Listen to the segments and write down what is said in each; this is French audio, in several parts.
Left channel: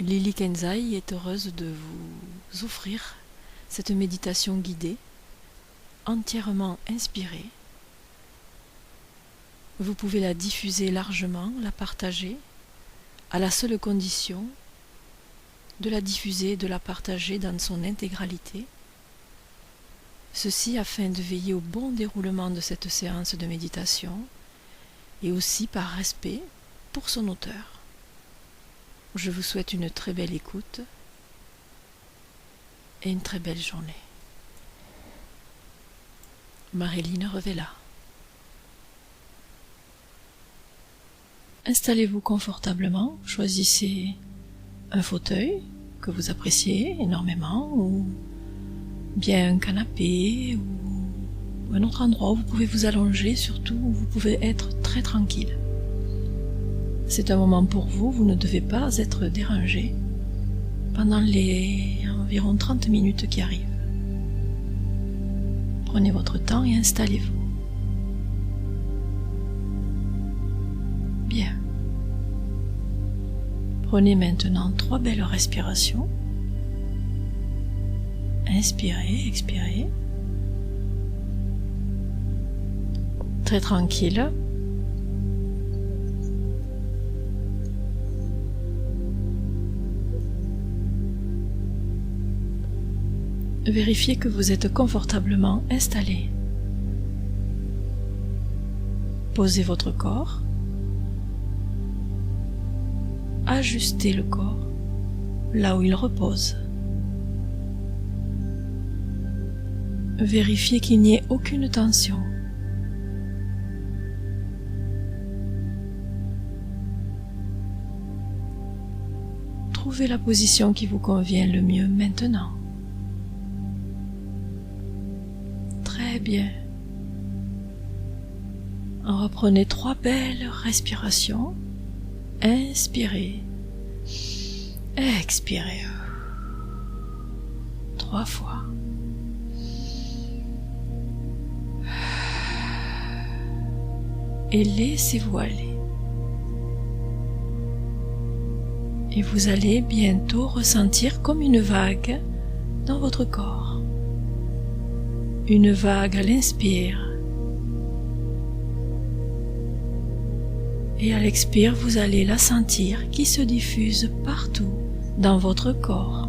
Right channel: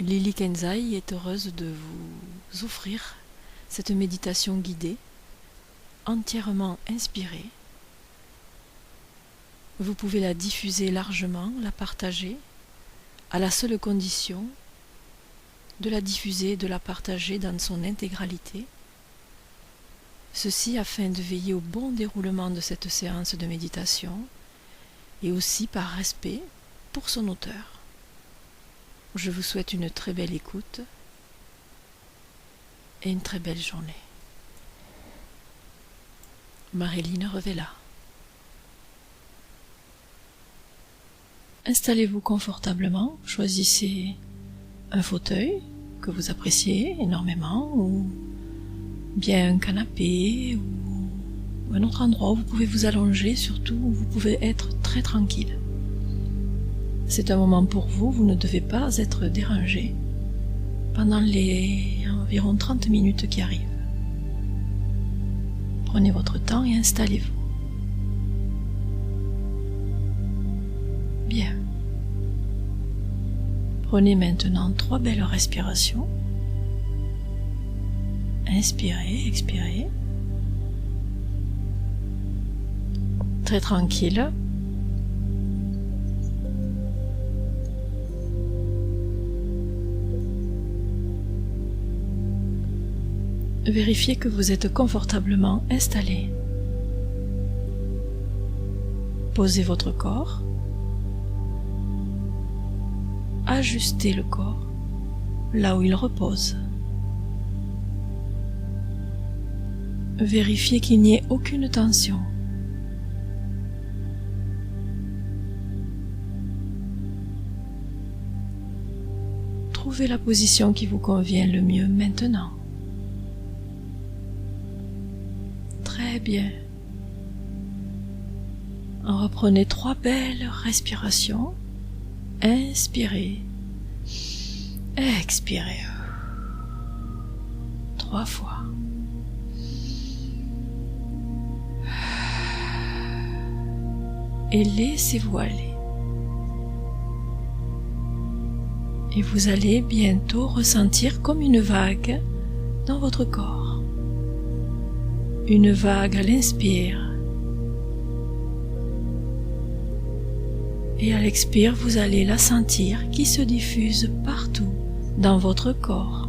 Lily Kenzai est heureuse de vous offrir cette méditation guidée, entièrement inspirée. Vous pouvez la diffuser largement, la partager, à la seule condition de la diffuser et de la partager dans son intégralité. Ceci afin de veiller au bon déroulement de cette séance de méditation et aussi par respect pour son auteur. Je vous souhaite une très belle écoute et une très belle journée. Marilyn Revella. Installez-vous confortablement, choisissez un fauteuil que vous appréciez énormément ou bien un canapé ou un autre endroit où vous pouvez vous allonger, surtout où vous pouvez être très tranquille. C'est un moment pour vous, vous ne devez pas être dérangé pendant les environ 30 minutes qui arrivent. Prenez votre temps et installez-vous. Bien. Prenez maintenant 3 belles respirations. Inspirez, expirez. Très tranquille. Vérifiez que vous êtes confortablement installé. Posez votre corps. Ajustez le corps là où il repose. Vérifiez qu'il n'y ait aucune tension. Trouvez la position qui vous convient le mieux maintenant. Très bien. Reprenez 3 belles respirations. Inspirez. Expirez. 3 fois. Et laissez-vous aller. Et vous allez bientôt ressentir comme une vague dans votre corps. Une vague à l'inspire. Et à l'expire, vous allez la sentir qui se diffuse partout dans votre corps.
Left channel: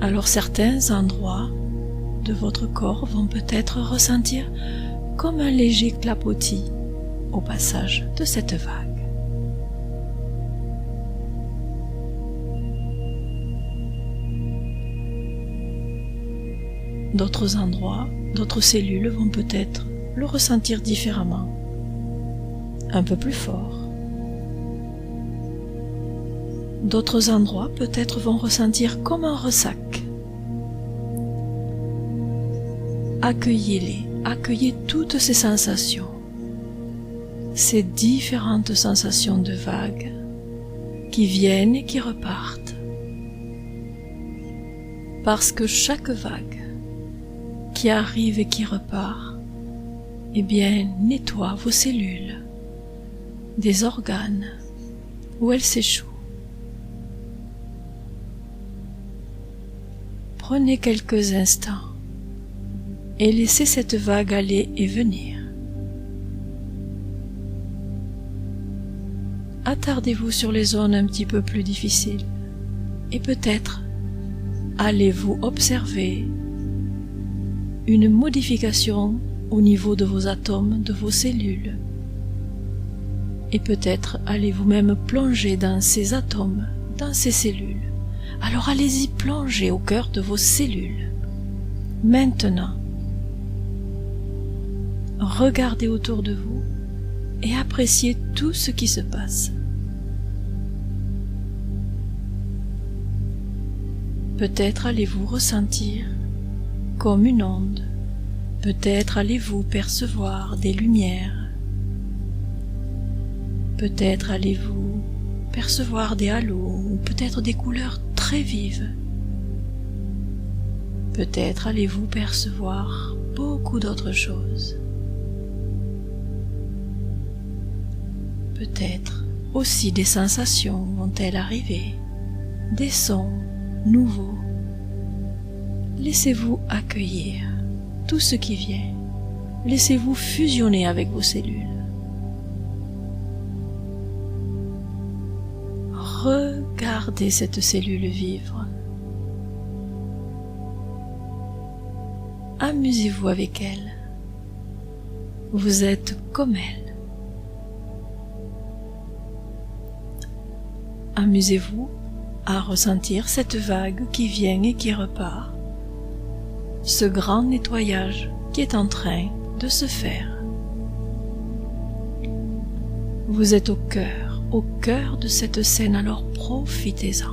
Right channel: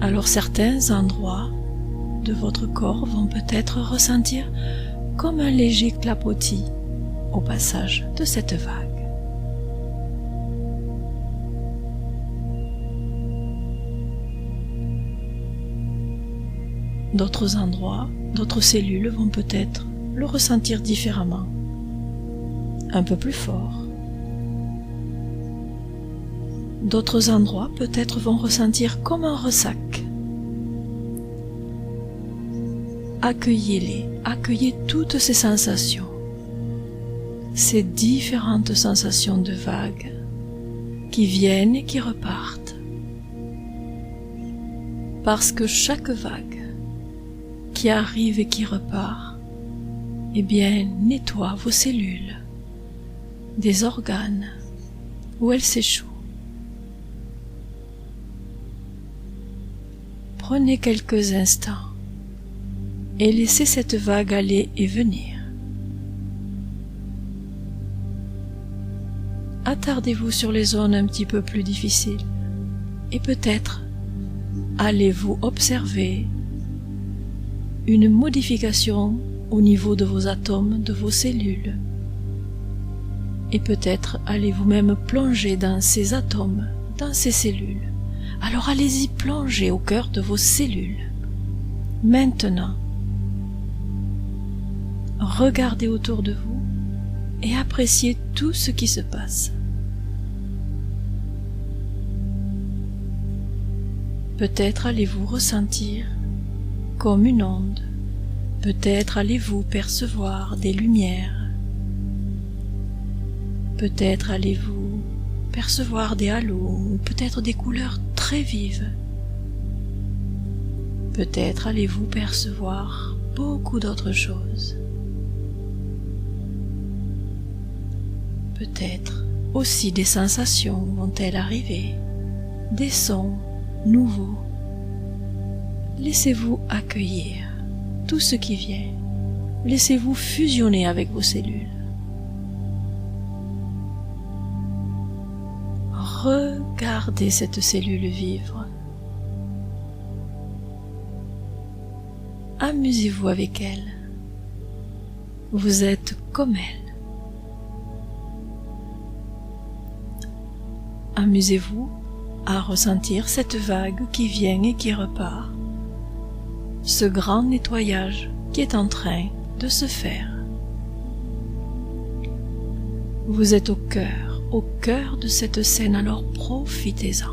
Alors certains endroits de votre corps vont peut-être ressentir comme un léger clapotis au passage de cette vague. D'autres endroits, d'autres cellules vont peut-être le ressentir différemment, un peu plus fort. D'autres endroits peut-être vont ressentir comme un ressac. Accueillez-les, accueillez toutes ces sensations, ces différentes sensations de vagues qui viennent et qui repartent. Parce que chaque vague qui arrive et qui repart, eh bien, nettoie vos cellules, des organes où elles s'échouent. Prenez quelques instants et laissez cette vague aller et venir. Attardez-vous sur les zones un petit peu plus difficiles et peut-être allez-vous observer une modification au niveau de vos atomes, de vos cellules. Et peut-être allez-vous même plonger dans ces atomes, dans ces cellules. Alors allez-y plonger au cœur de vos cellules. Maintenant, regardez autour de vous et appréciez tout ce qui se passe. Peut-être allez-vous ressentir comme une onde. Peut-être allez-vous percevoir des lumières. Peut-être allez-vous percevoir des halos ou peut-être des couleurs très vives. Peut-être allez-vous percevoir beaucoup d'autres choses. Peut-être aussi des sensations vont-elles arriver, des sons nouveaux. Laissez-vous accueillir tout ce qui vient. Laissez-vous fusionner avec vos cellules. Regardez cette cellule vivre. Amusez-vous avec elle. Vous êtes comme elle. Amusez-vous à ressentir cette vague qui vient et qui repart, ce grand nettoyage qui est en train de se faire. Vous êtes au cœur de cette scène, alors profitez-en.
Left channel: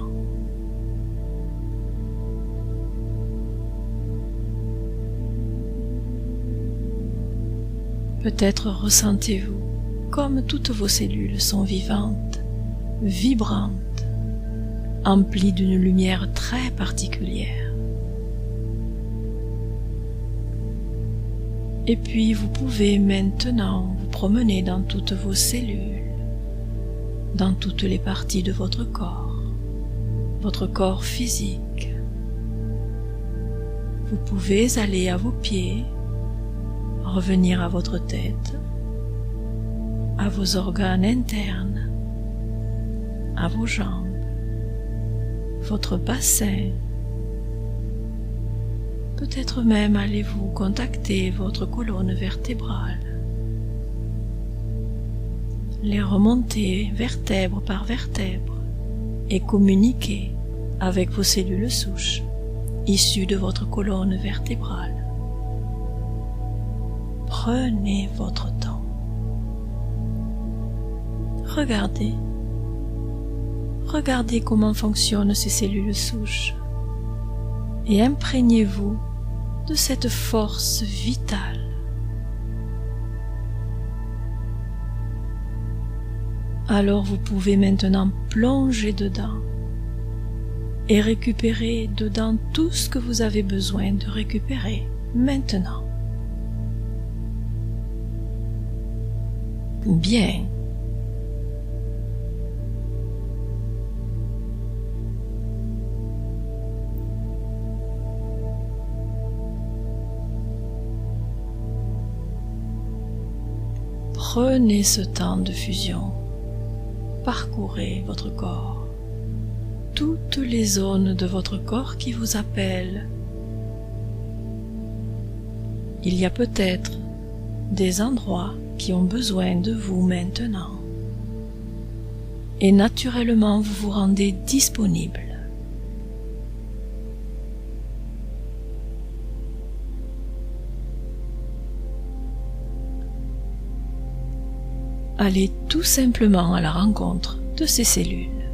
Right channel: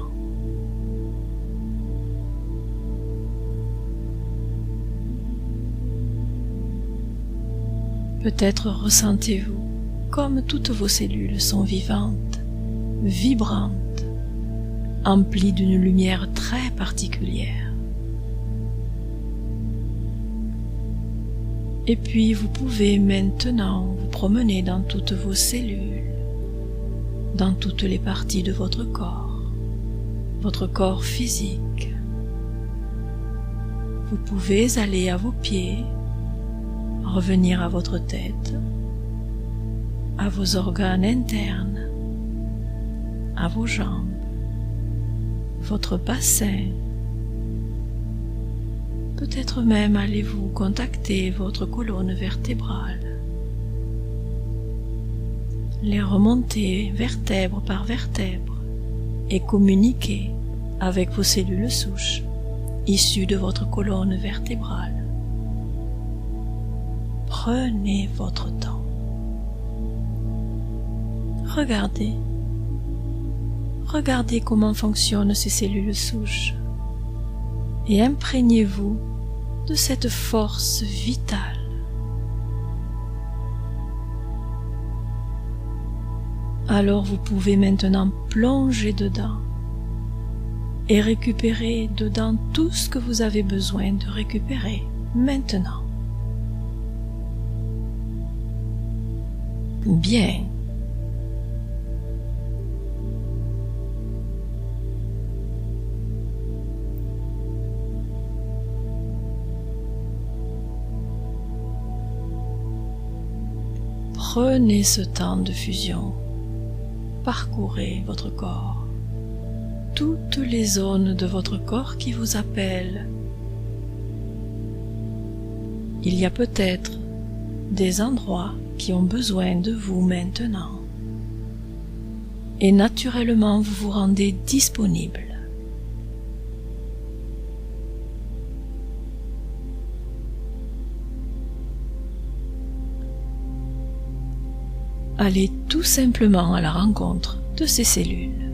Peut-être ressentez-vous comme toutes vos cellules sont vivantes, vibrantes, emplies d'une lumière très particulière. Et puis vous pouvez maintenant vous promener dans toutes vos cellules, dans toutes les parties de votre corps physique. Vous pouvez aller à vos pieds, revenir à votre tête, à vos organes internes, à vos jambes, votre bassin. Peut-être même allez-vous contacter votre colonne vertébrale, les remonter vertèbre par vertèbre et communiquer avec vos cellules souches issues de votre colonne vertébrale. Prenez votre temps. Regardez comment fonctionnent ces cellules souches et imprégnez-vous de cette force vitale. Alors vous pouvez maintenant plonger dedans et récupérer dedans tout ce que vous avez besoin de récupérer maintenant. Bien. Prenez ce temps de fusion. Parcourez votre corps, toutes les zones de votre corps qui vous appellent. Il y a peut-être des endroits qui ont besoin de vous maintenant. Et naturellement, vous vous rendez disponible. Allez tout simplement à la rencontre de ces cellules.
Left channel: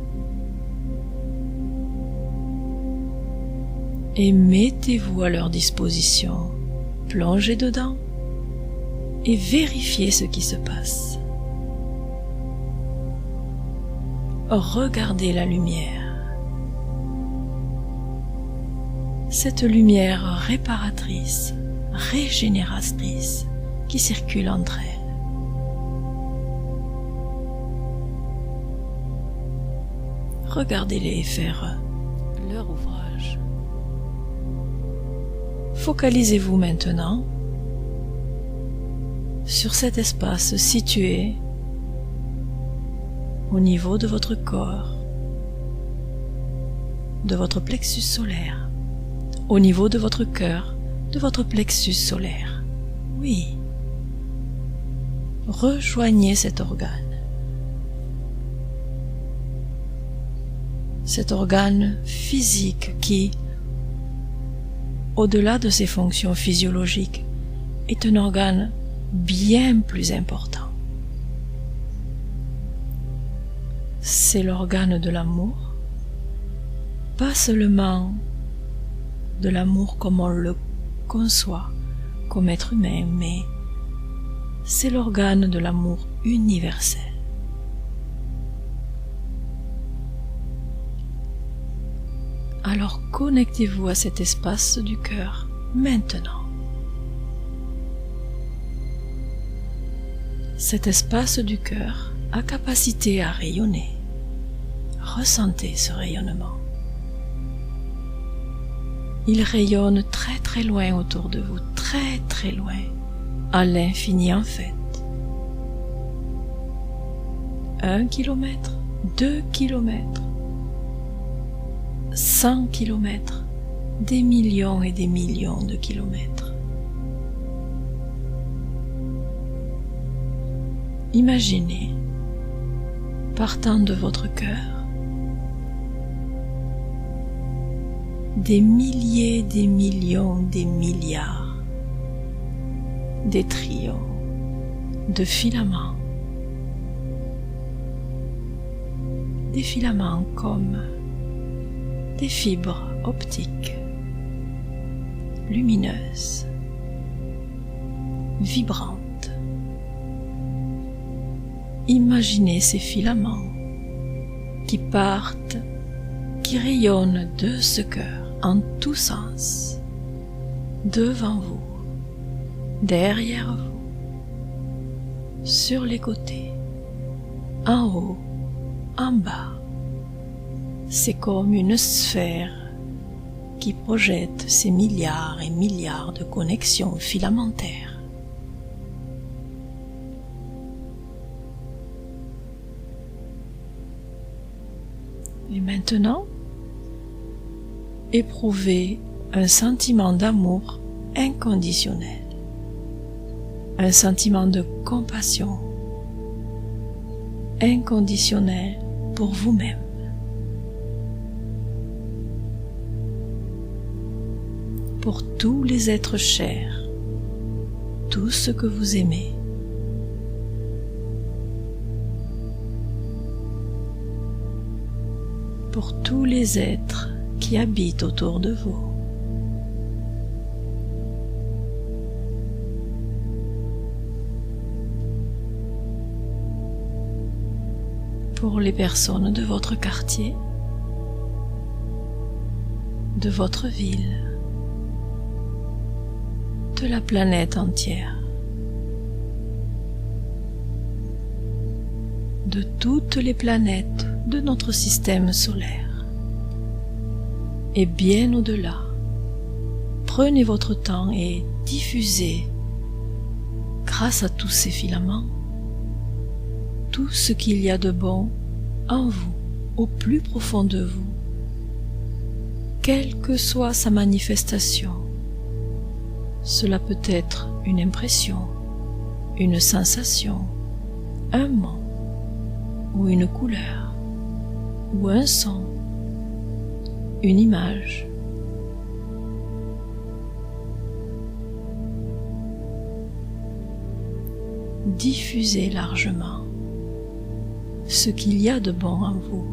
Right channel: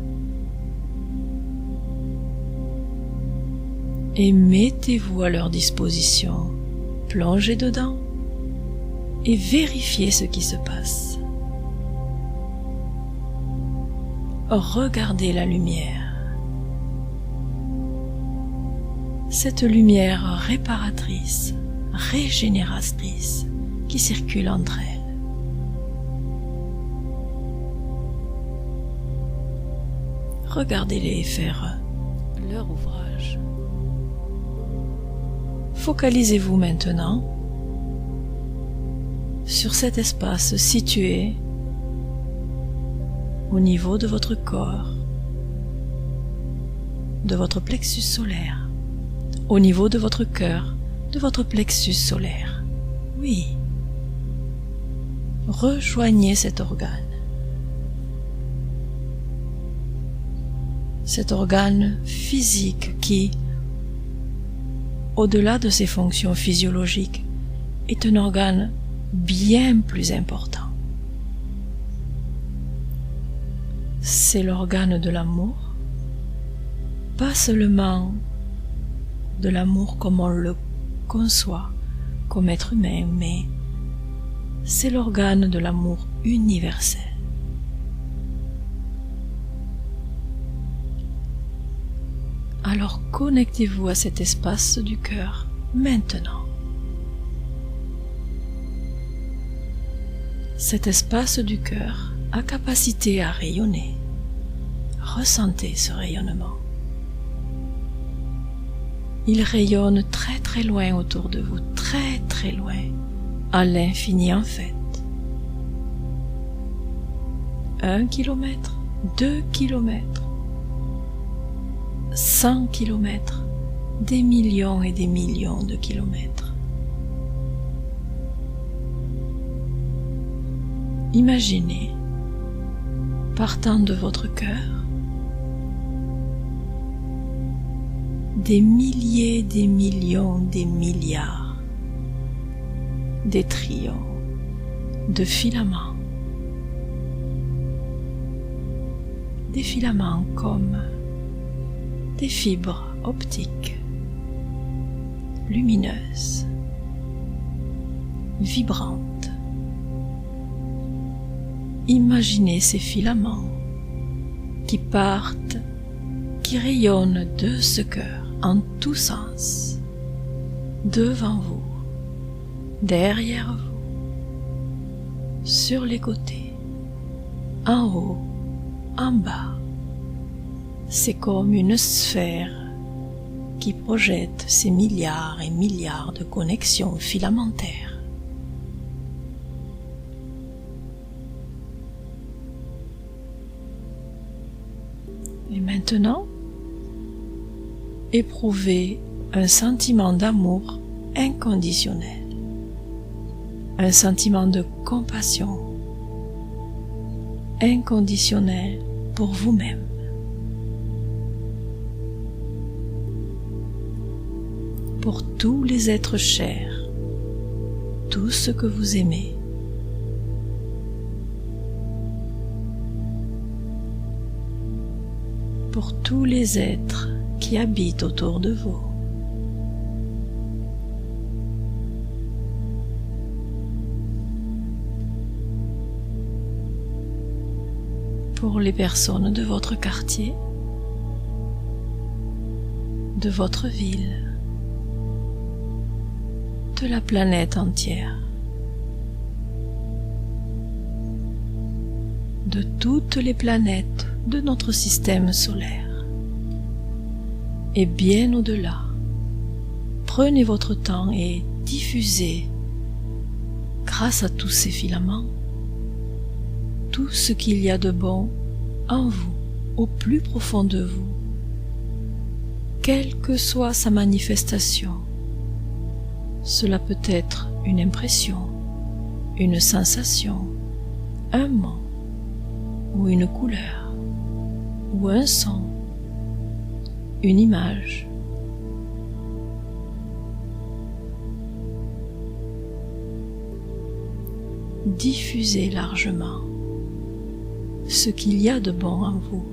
Et mettez-vous à leur disposition. Plongez dedans et vérifiez ce qui se passe. Regardez la lumière. Cette lumière réparatrice, régénératrice qui circule entre elles. Regardez-les faire leur ouvrage. Focalisez-vous maintenant sur cet espace situé au niveau de votre corps, de votre plexus solaire, au niveau de votre cœur, de votre plexus solaire. Oui. Rejoignez cet organe. Cet organe physique qui, au-delà de ses fonctions physiologiques, est un organe bien plus important. C'est l'organe de l'amour, pas seulement de l'amour comme on le conçoit comme être humain, mais c'est l'organe de l'amour universel. Alors connectez-vous à cet espace du cœur maintenant. Cet espace du cœur a capacité à rayonner. Ressentez ce rayonnement. Il rayonne très très loin autour de vous, très très loin, à l'infini en fait. 1 kilomètre, 2 kilomètres, 100 kilomètres, des millions et des millions de kilomètres. Imaginez, partant de votre cœur, des milliers, des millions, des milliards, des trillions de filaments. Des filaments comme des fibres optiques, lumineuses, vibrantes. Imaginez ces filaments qui partent, qui rayonnent de ce cœur en tous sens, devant vous, derrière vous, sur les côtés, en haut, en bas. C'est comme une sphère qui projette ces milliards et milliards de connexions filamentaires. Et maintenant, éprouvez un sentiment d'amour inconditionnel, un sentiment de compassion inconditionnel pour vous-même. Pour tous les êtres chers, tout ce que vous aimez. Pour tous les êtres qui habitent autour de vous. Pour les personnes de votre quartier, de votre ville, de la planète entière, de toutes les planètes de notre système solaire, et bien au-delà. Prenez votre temps et diffusez, grâce à tous ces filaments, tout ce qu'il y a de bon en vous, au plus profond de vous, quelle que soit sa manifestation. Cela peut être une impression, une sensation, un mot, ou une couleur, ou un son, une image. Diffusez largement ce qu'il y a de bon en vous.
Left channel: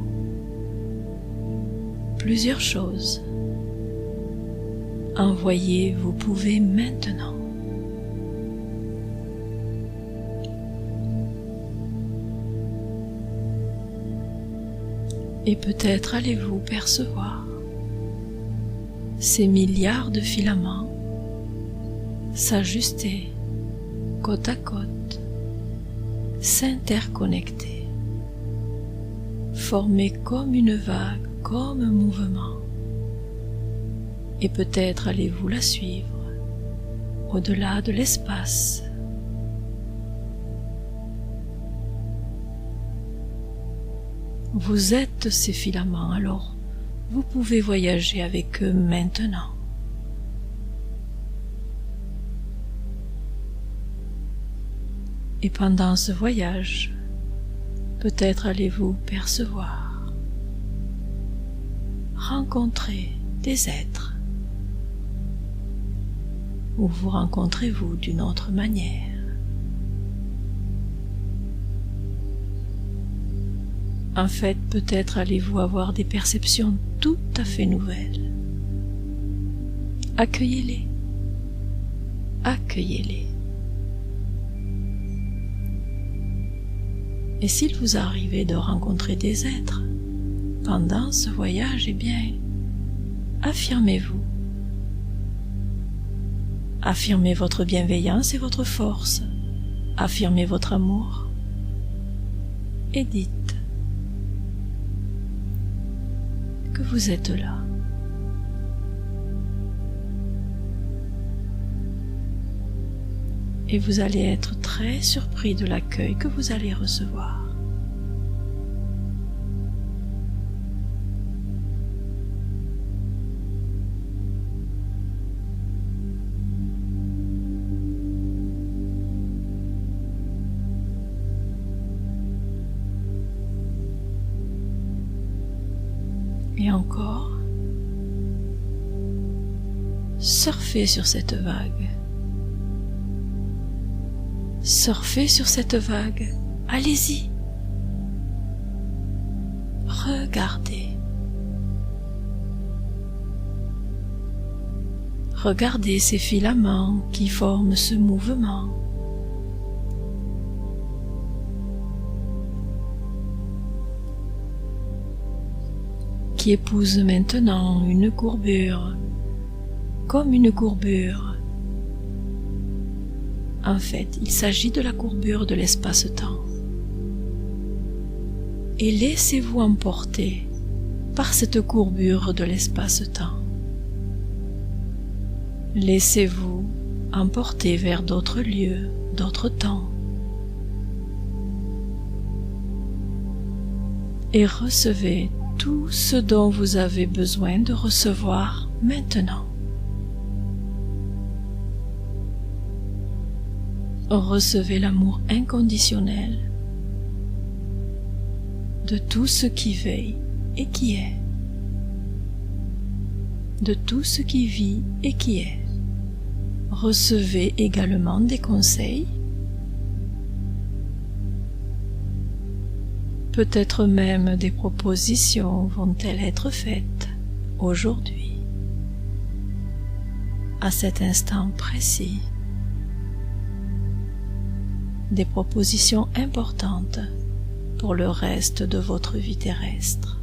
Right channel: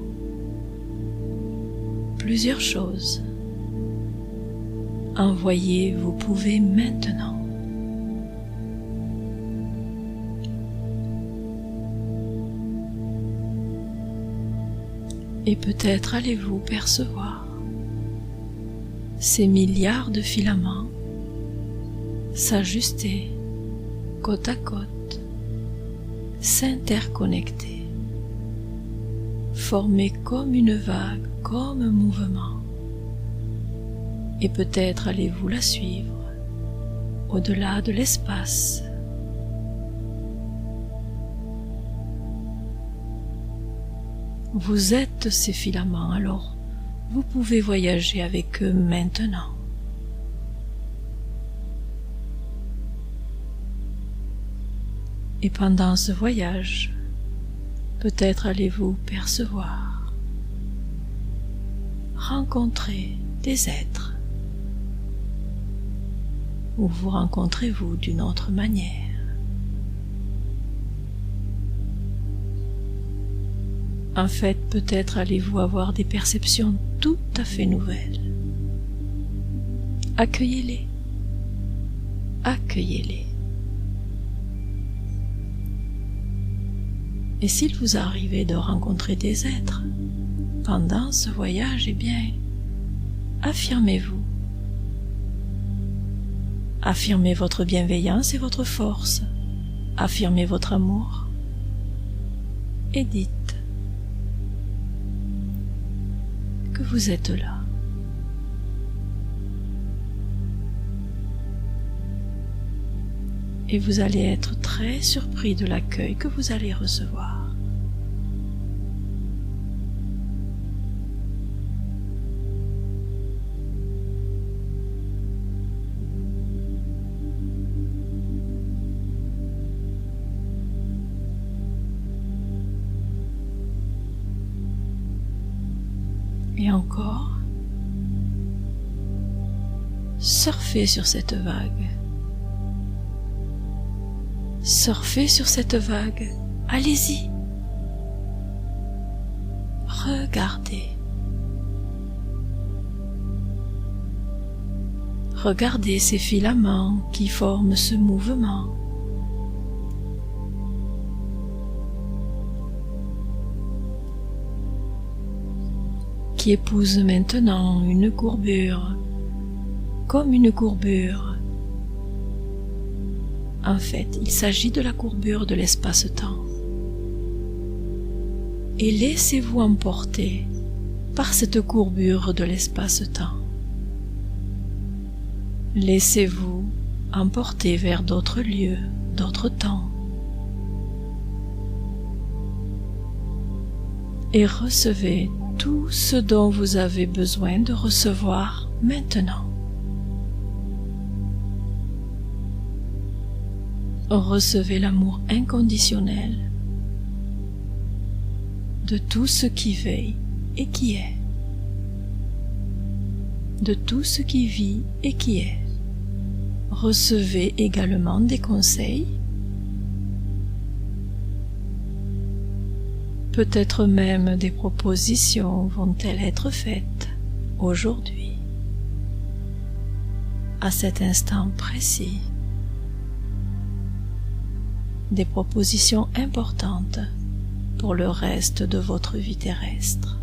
Plusieurs choses. Envoyez, vous pouvez maintenant. Et peut-être allez-vous percevoir ces milliards de filaments s'ajuster côte à côte, s'interconnecter, former comme une vague, comme un mouvement. Et peut-être allez-vous la suivre au-delà de l'espace. Vous êtes ces filaments, alors vous pouvez voyager avec eux maintenant. Et pendant ce voyage, peut-être allez-vous percevoir, rencontrer des êtres, ou vous rencontrez-vous d'une autre manière. En fait, peut-être allez-vous avoir des perceptions tout à fait nouvelles. Accueillez-les. Accueillez-les. Et s'il vous arrivait de rencontrer des êtres pendant ce voyage, eh bien, affirmez-vous. Affirmez votre bienveillance et votre force. Affirmez votre amour. et dites que vous êtes là. Et vous allez être très surpris de l'accueil que vous allez recevoir. Et encore, surfez sur cette vague. Surfez sur cette vague. Allez-y. Regardez. Regardez ces filaments qui forment ce mouvement. Qui épouse maintenant une courbure, comme une courbure. En fait, il s'agit de la courbure de l'espace-temps. Et laissez-vous emporter par cette courbure de l'espace-temps. Laissez-vous emporter vers d'autres lieux, d'autres temps. Et recevez tout ce dont vous avez besoin de recevoir maintenant. Recevez l'amour inconditionnel de tout ce qui veille et qui est, de tout ce qui vit et qui est. Recevez également des conseils, peut-être même des propositions vont-elles être faites aujourd'hui, à cet instant précis. Des propositions importantes pour le reste de votre vie terrestre.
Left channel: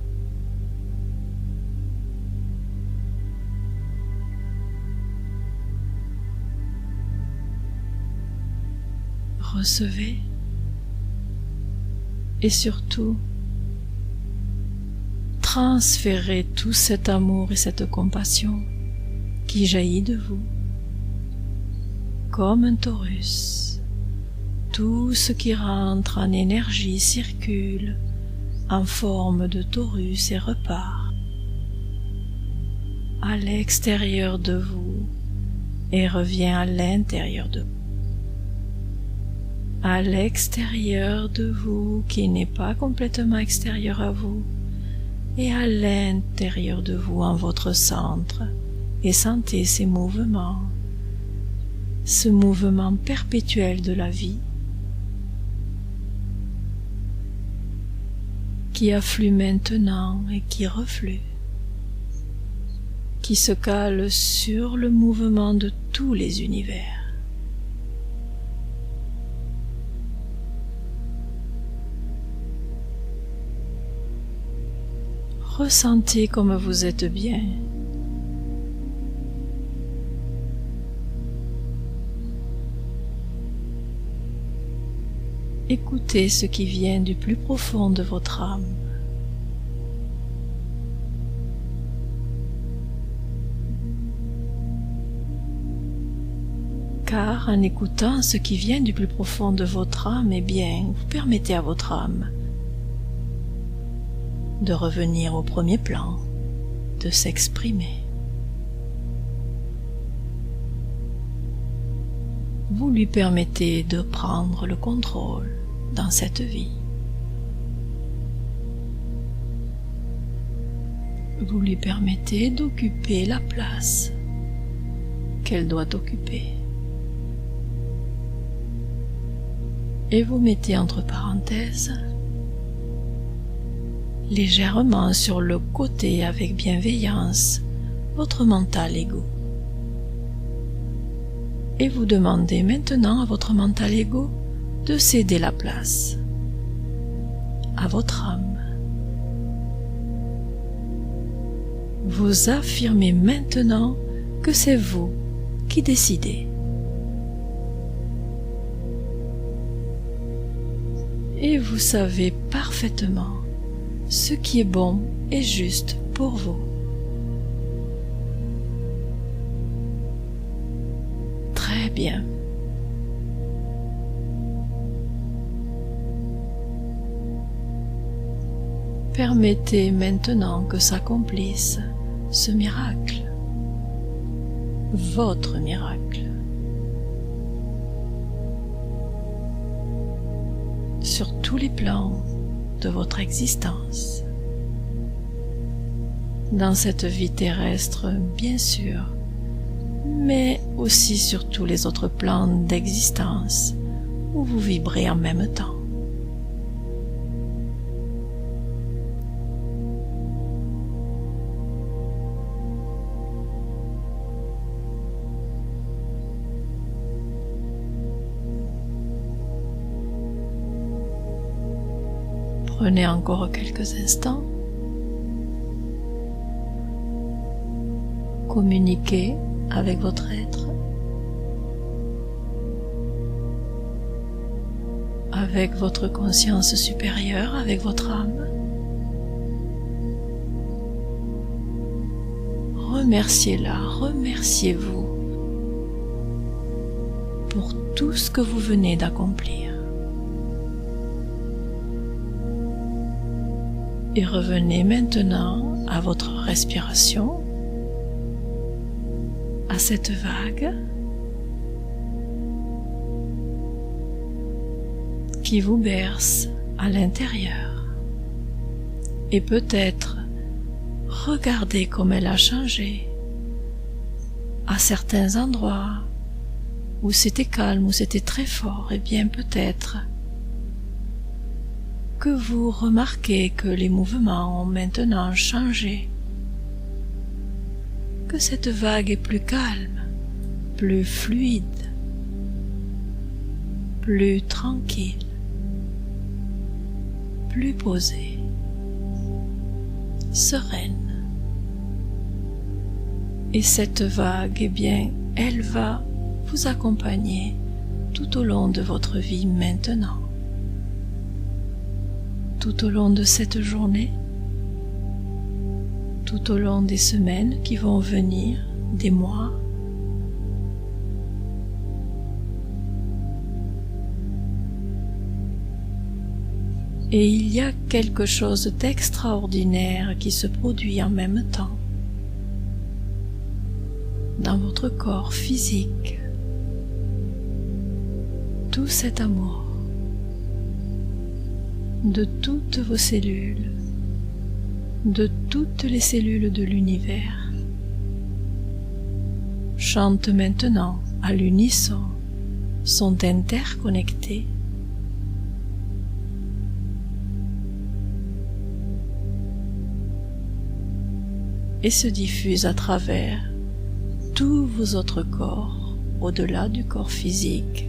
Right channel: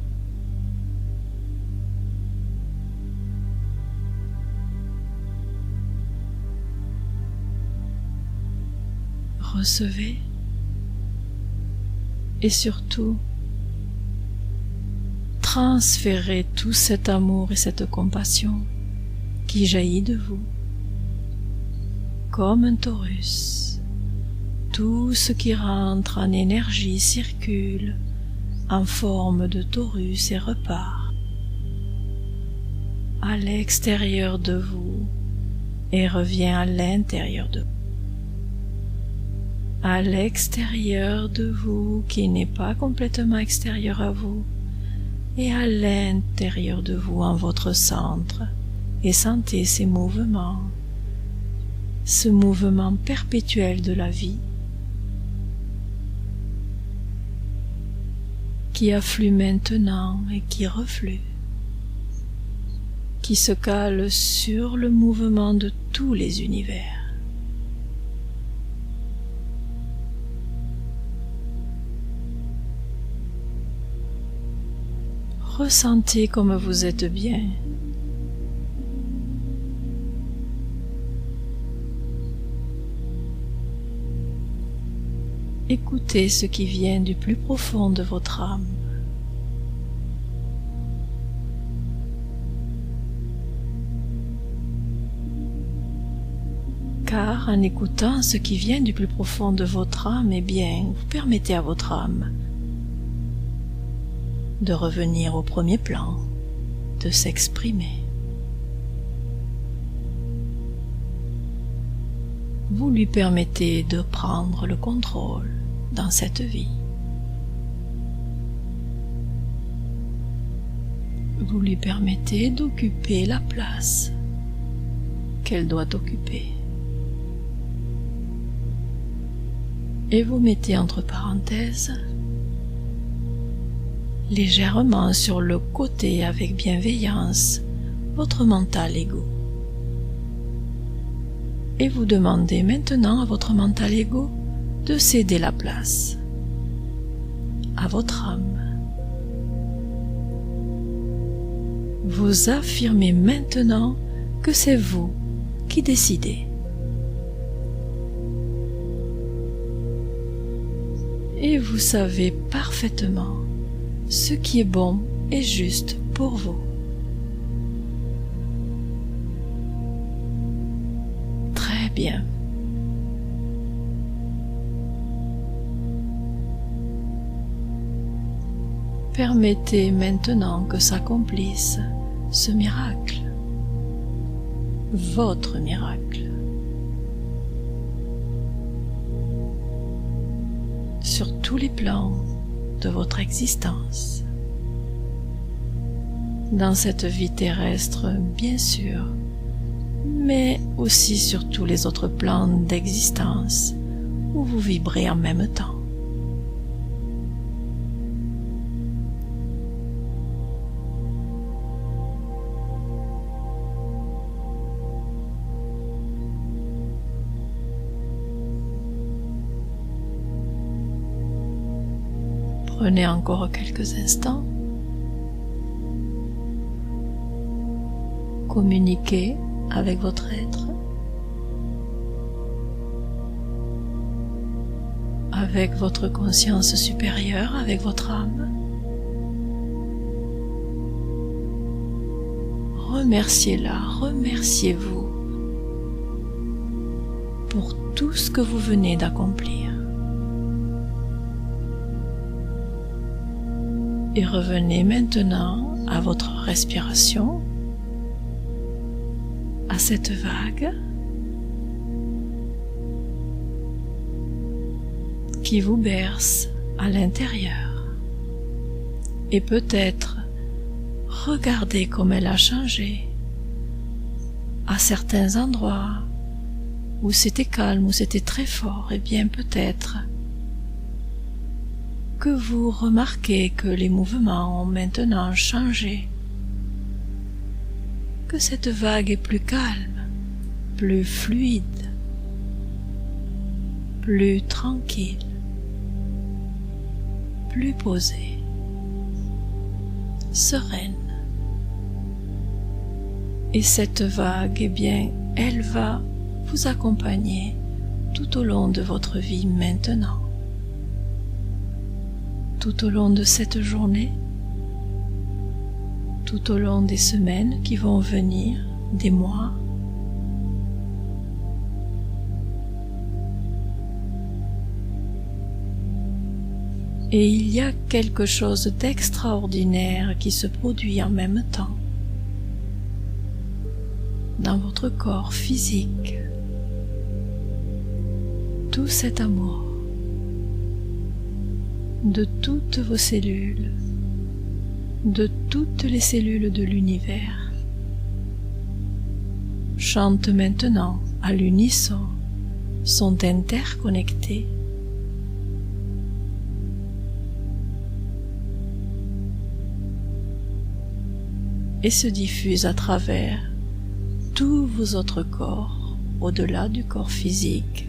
Recevez et surtout transférez tout cet amour et cette compassion qui jaillit de vous comme un torus. Tout ce qui rentre en énergie circule en forme de torus et repart à l'extérieur de vous et revient à l'intérieur de vous. À l'extérieur de vous qui n'est pas complètement extérieur à vous et à l'intérieur de vous en votre centre, et sentez ces mouvements, ce mouvement perpétuel de la vie qui afflue maintenant et qui reflue, qui se cale sur le mouvement de tous les univers. Ressentez comme vous êtes bien. Écoutez ce qui vient du plus profond de votre âme. Car en écoutant ce qui vient du plus profond de votre âme, eh bien, vous permettez à votre âme de revenir au premier plan, de s'exprimer. Vous lui permettez de prendre le contrôle dans cette vie. Vous lui permettez d'occuper la place qu'elle doit occuper. Et vous mettez entre parenthèses, légèrement sur le côté avec bienveillance, votre mental ego. Et vous demandez maintenant à votre mental ego de céder la place à votre âme. Vous affirmez maintenant que c'est vous qui décidez. et vous savez parfaitement ce qui est bon et juste pour vous. Très bien. Permettez maintenant que s'accomplisse ce miracle, votre miracle, sur tous les plans de votre existence. Dans cette vie terrestre, bien sûr, mais aussi sur tous les autres plans d'existence où vous vibrez en même temps. Prenez encore quelques instants. Communiquez avec votre être, avec votre conscience supérieure, avec votre âme. Remerciez-la, remerciez-vous pour tout ce que vous venez d'accomplir. Et revenez maintenant à votre respiration, à cette vague qui vous berce à l'intérieur. Et peut-être regardez comme elle a changé à certains endroits où c'était calme, où c'était très fort. Et bien peut-être que vous remarquez que les mouvements ont maintenant changé, que cette vague est plus calme, plus fluide, plus tranquille, plus posée, sereine. Et cette vague, eh bien, elle va vous accompagner tout au long de votre vie maintenant. Tout au long de cette journée, tout au long des semaines qui vont venir, des mois. Et il y a quelque chose d'extraordinaire qui se produit en même temps dans votre corps physique. Tout cet amour de toutes vos cellules, de toutes les cellules de l'univers, chantent maintenant à l'unisson, sont interconnectés. Et se diffusent à travers tous vos autres corps, au-delà du corps physique.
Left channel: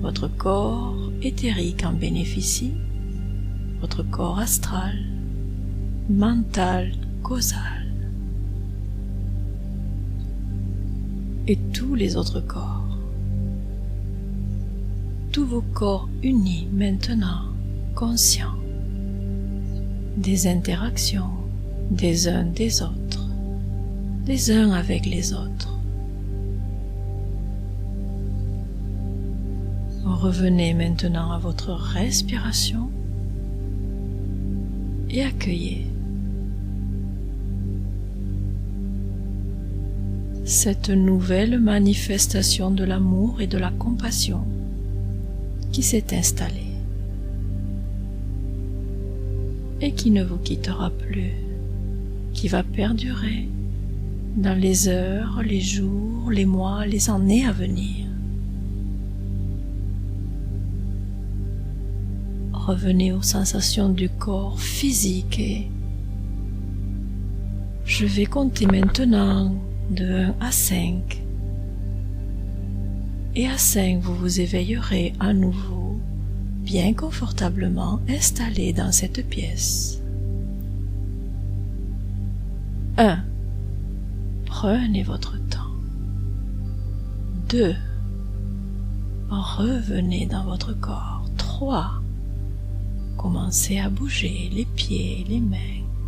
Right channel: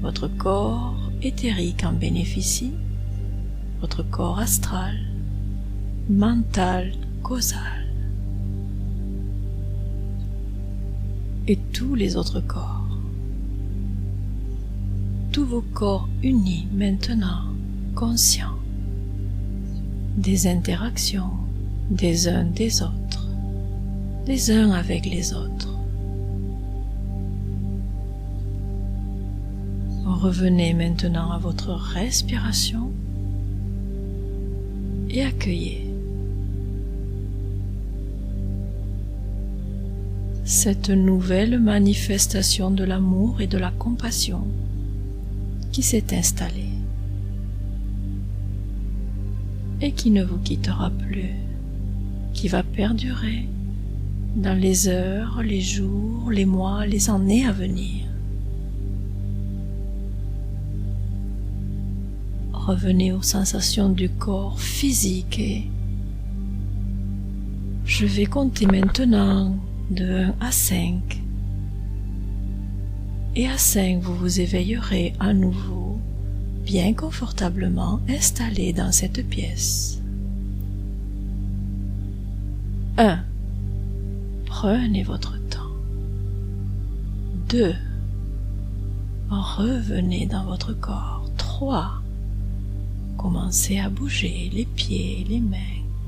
Votre corps éthérique en bénéficie, votre corps astral, mental, causal, et tous les autres corps. Tous vos corps unis maintenant, conscients des interactions des uns des autres, les uns avec les autres. Revenez maintenant à votre respiration et accueillez cette nouvelle manifestation de l'amour et de la compassion qui s'est installée et qui ne vous quittera plus, qui va perdurer dans les heures, les jours, les mois, les années à venir. Revenez aux sensations du corps physique et je vais compter maintenant de 1 à 5. Et à 5, vous vous éveillerez à nouveau, bien confortablement installé dans cette pièce. 1. Prenez votre temps. 2. Revenez dans votre corps. 3. Commencez à bouger les pieds, les mains.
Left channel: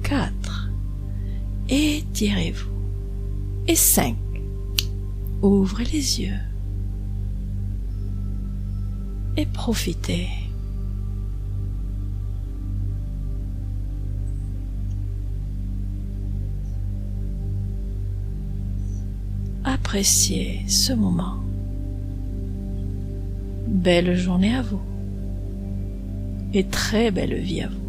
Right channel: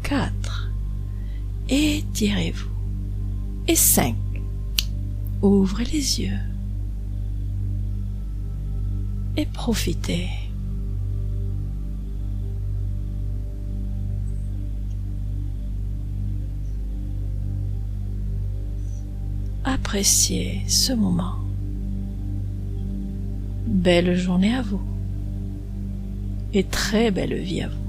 4. Étirez-vous. Et 5. Ouvrez les yeux. Et profitez. Appréciez ce moment. Belle journée à vous et très belle vie à vous.